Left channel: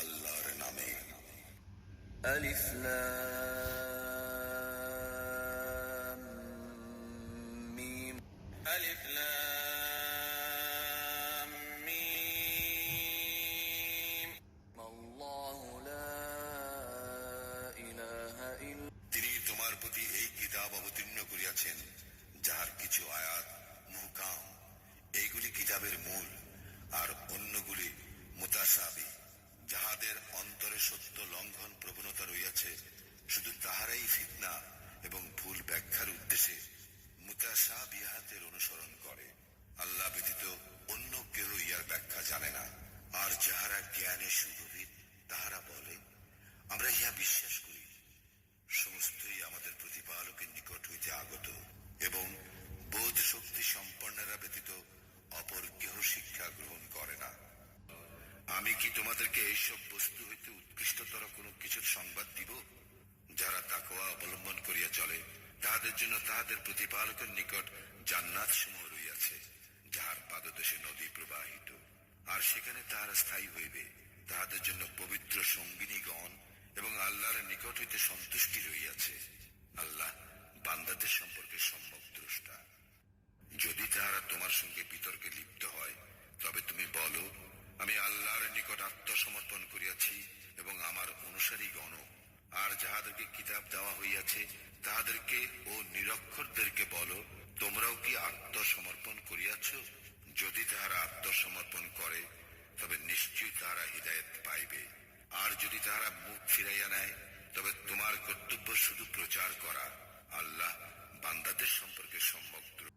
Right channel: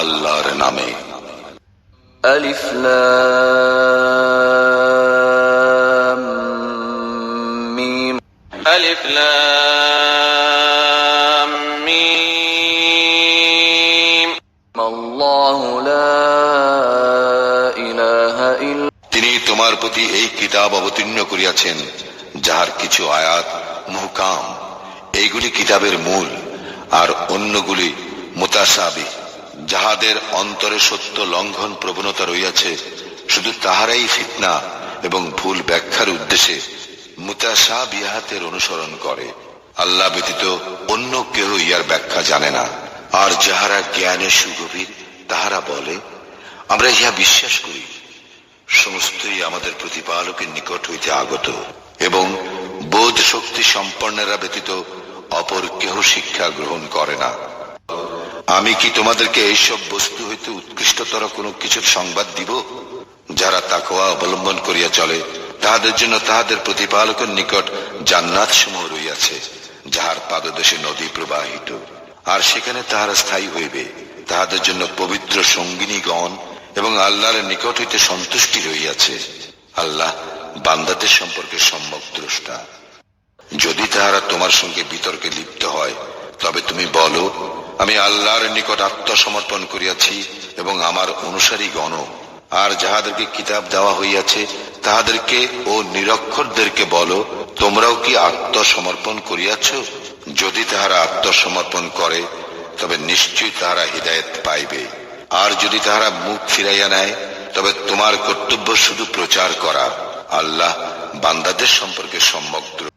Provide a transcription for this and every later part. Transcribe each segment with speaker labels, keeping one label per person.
Speaker 1: আল্লাহর নামে। তিনি তোমার প্রতি এই কিতাব অবতীর্ণ করিয়াছেন যাহার কিছু আয়াত মুহকাম। এইগুলি কিতাবের মূল আর অন্যগুলি মোতাসাবি যাহাদের অন্তরে সত্য লঙ্ঘন প্রবণতা রইয়াছে শুধু তাহারাই ফিতনা এবং ভুল ব্যাখ্যার উদ্দেশ্যে মুতাসাবিহাতের অনুসরণ করে। আল্লাহ ব্যতীত অন্য কেহ ইহার ব্যাখ্যা জানে না। আর যাহারা জ্ঞানে সুগভীর, তাহারা বলে, আমরা ইহা বিশ্বাস করি। সমস্তই আমাদের প্রতিপালকের নিকট হইতে আগত এবং বোধ শক্তি সম্পন্নেরা ব্যতীত অপর কেহ শিক্ষা গ্রহণ করে না। আমি কি তোমাদেরকে এইসব বস্তু হইতে উৎকৃষ্টতর কোনো কিছুর সংবাদ দিব, যারা তাকওয়া অবলম্বন করিয়া চলে? তাহাদের জন্য তাহাদের প্রতিপালকের নিকট জান্নাত সমূহ রইয়াছে যাহার পাদদেশে নদী প্রবাহিত। আর সেখানে তাহারা স্থায়ী হইবে। তাহাদের জন্য পবিত্র সঙ্গিনীগণ এবং আল্লাহর নিকট হইতে সন্তুষ্টি রইয়াছে আল্লাহ বান্দাদের সম্পর্কে সম্যক দ্রষ্টা। যদি তাহারা তোমার সঙ্গে বিতর্কে লিপ্ত হয় তবে তুমি বলো, আমি আল্লাহর নিকট আত্মসমর্পণ করিয়াছি এবং আমার অনুসারী গণ। আর যাহাদেরকে কিতাব দেওয়া হইয়াছে, তাহাদেরকে ও নিরক্ষরদেরকে বলো, তোমরাও কি আত্মসমর্পণ করিয়াছ? যদি তাহারা আত্মসমর্পণ করে, তবে নিশ্চয়ই তাহারা হৃদায়ত পাইবে। আর যদি তাহারা মুখ ফিরাইয়া নেয়, তবে তোমার কর্তব্য শুধু প্রচার করা। আল্লাহ বান্দাদের সম্পর্কে সম্যক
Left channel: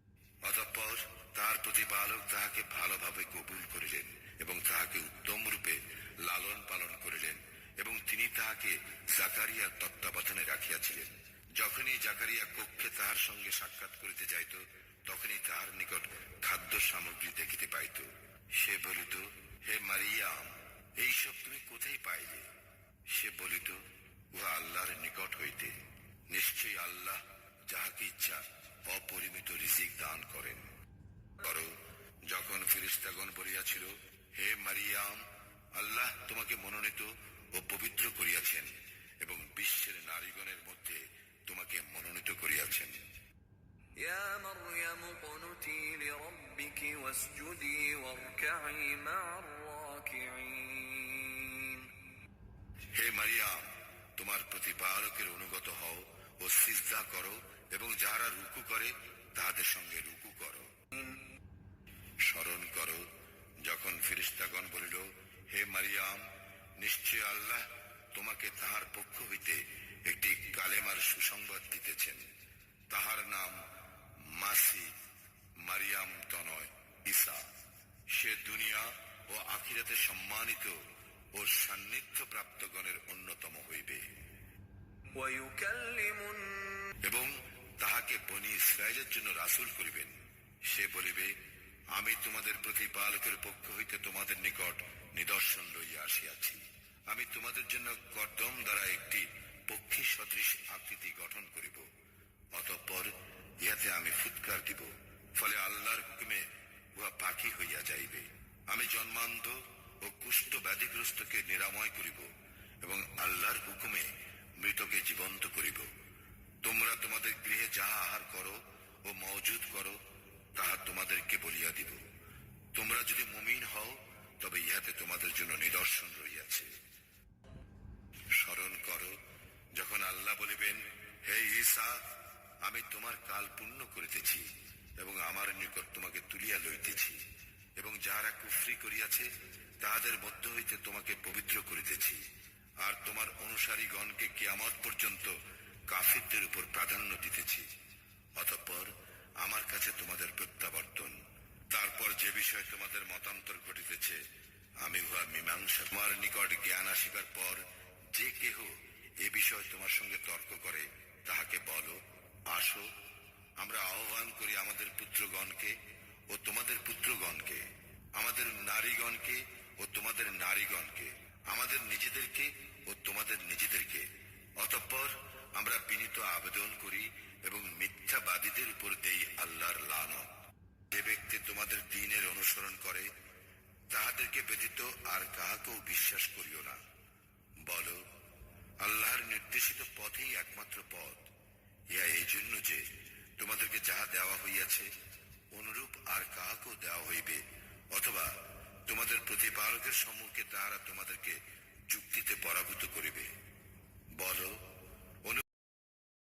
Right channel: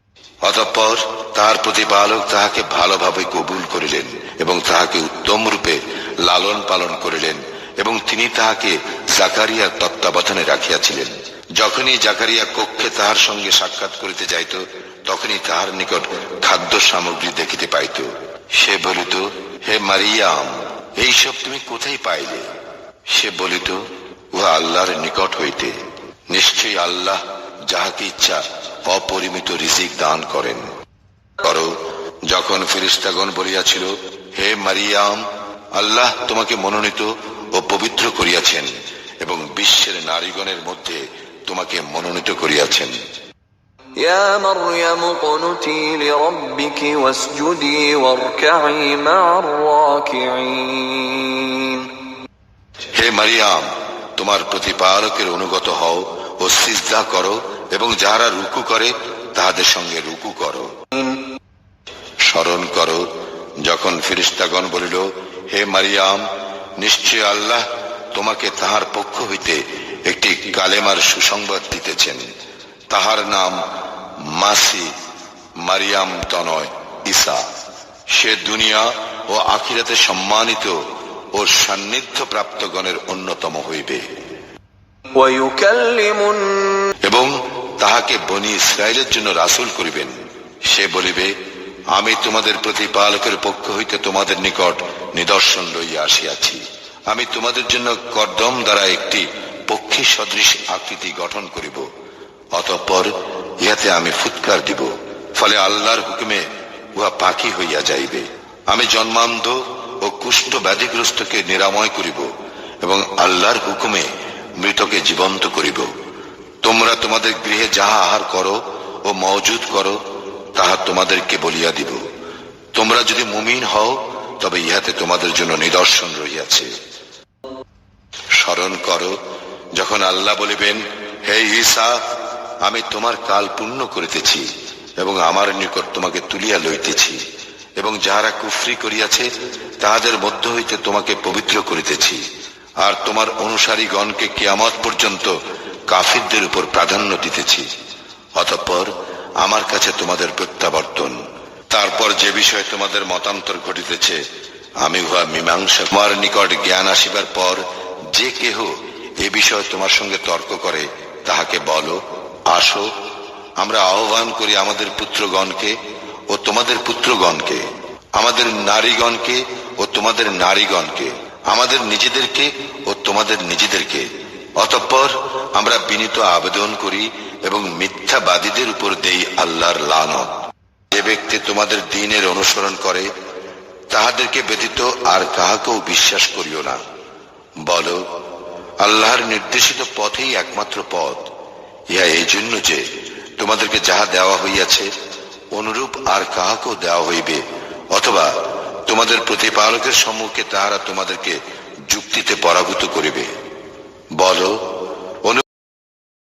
Speaker 1: অতঃপর তাহার প্রতিপালক তাহাকে ভালোভাবে কবুল করিলেন এবং তাহাকে উত্তম রূপে লালন পালন করিলেন এবং তিনি তাহাকে জাকারিয়ার তত্ত্বাবধানে রাখিয়াছিলেন। যখনই জাকারিয়া কক্ষে তাহার সঙ্গে সাক্ষাৎ করিতে যাইত, তখনই তাহার নিকট খাদ্য সামগ্রী দেখিতে পাইত। সে বলিত, হে মারিয়াম, এইসব তুমি কোথায় পাইলে? সে বলিত, উহা আল্লাহর নিকট হইতে। নিশ্চয়ই আল্লাহ যাহাকে ইচ্ছা অপরিমিত রিজিক দান করেন করো যখন ফিরিস্তাগণ বলিয়াছিল হে মারিয়াম আল্লাহ তোমাকে মনোনীত ও পবিত্র করিয়াছেন এবং বিশ্বের নারীগণের মধ্যে তোমাকে মনোনীত করিয়াছেন
Speaker 2: يا مريم اقنتي لربك واسجدي واركعي مع الراكعين
Speaker 1: হে মারিয়াম তোমার প্রতিপালকের অনুগত হও ও সিজদা করো এবং যাহারা রুকু করে তাহাদের সঙ্গে রুকু করো। স্মরণ করো যখন ফিরিস্তাগণ বলিল হে মারিয়াম নিশ্চয় আল্লাহ তোমাকে তাহার পক্ষ হইতে একটি কালেমার সুসংবাদ দিতেছেন। তাহার নাম মাসি মারিয়াম তনয় ইসা সে দুনিয়া ও আখিরাতে সম্মানিত ও সান্নিধ্য প্রাপ্তগণের অন্যতম হইবে। এবং তাহাকে বনি ইসরায়েলের জন্য রাসূল করিবেন। সে বলিবে, আমি তোমাদের প্রতিপালকের পক্ষ হইতে তোমাদের নিকট নিদর্শন লইয়া আসিয়াছি। আমি তোমাদের জন্য কর্দম দ্বারা একটি পক্ষী সদৃশ আকৃতি গঠন করিব। অতঃপর ইহাতে আমি ফুৎকার দিব, ফলে আল্লাহর হুকুমে উহা পাখি হইয়া যাইবে। আমি জন্মান্ধ ও কুষ্ঠ ব্যাধিগ্রস্তকে নিরাময় করিব এবং আল্লাহর হুকুমে মৃতকে জীবন্ত করিব। তোমরা তোমাদের গৃহে যাহা আহার করো ও মজুদ করো, তাহা তোমাদেরকে বলিয়া দিব। তোমরা যদি মুমিন হও, তবে ইহাতে তোমাদের জন্য নিদর্শন রইয়াছে স্মরণ করো, যখন আল্লাহ বলিবেন, হে ঈসা, আমি তোমার কাল পূর্ণ করিতেছি এবং আমার নিকট তোমাকে তুলিয়া লইতেছি এবং যাহারা কুফরি করিয়াছে, তাহাদের মধ্য হইতে তোমাকে পবিত্র করিতেছি। আর তোমার অনুসারীগণকে কিয়ামত পর্যন্ত কাফিরদের উপর প্রাধান্য দিতেছি। অতঃপর আমার কাছে তোমাদের প্রত্যাবর্তন। তারপর যে বিষয়ে তোমাদের মতান্তর ঘটিতেছে, আমি উহা মীমাংসা তোমার নিকট জ্ঞান আসিবার পর যে কেহ এ বিষয়ে তোমার সঙ্গে তর্ক করে, তাহাকে বলো, আসো, আমরা আহ্বান করি আমাদের পুত্রগণকে ও তোমাদের পুত্রগণকে, আমাদের নারীগণকে ও তোমাদের নারীগণকে, আমাদের নিজেদেরকে ও তোমাদের নিজেদেরকে। অতঃপর আমরা বিনীত আবেদন করি এবং মিথ্যাবাদীদের উপর দেই আল্লাহর লানত। যে ব্যক্তি তোমাদের দিনের অনুসরণ করে, তাহাদেরকে ব্যতীত আর কাহাকেও বিশ্বাস করিও না। বল, আল্লাহর নির্দেশিত পথেই একমাত্র পথ। ইহা এই জন্য যে তোমাদেরকে যাহা দেওয়া হইয়াছে, অনুরূপ আর কাহাকেও দেওয়া হইবে, অথবা তোমাদের প্রতিপালকের সম্মুখে তাহারা তোমাদেরকে যুক্তিতে পরাভূত করিবে। বলো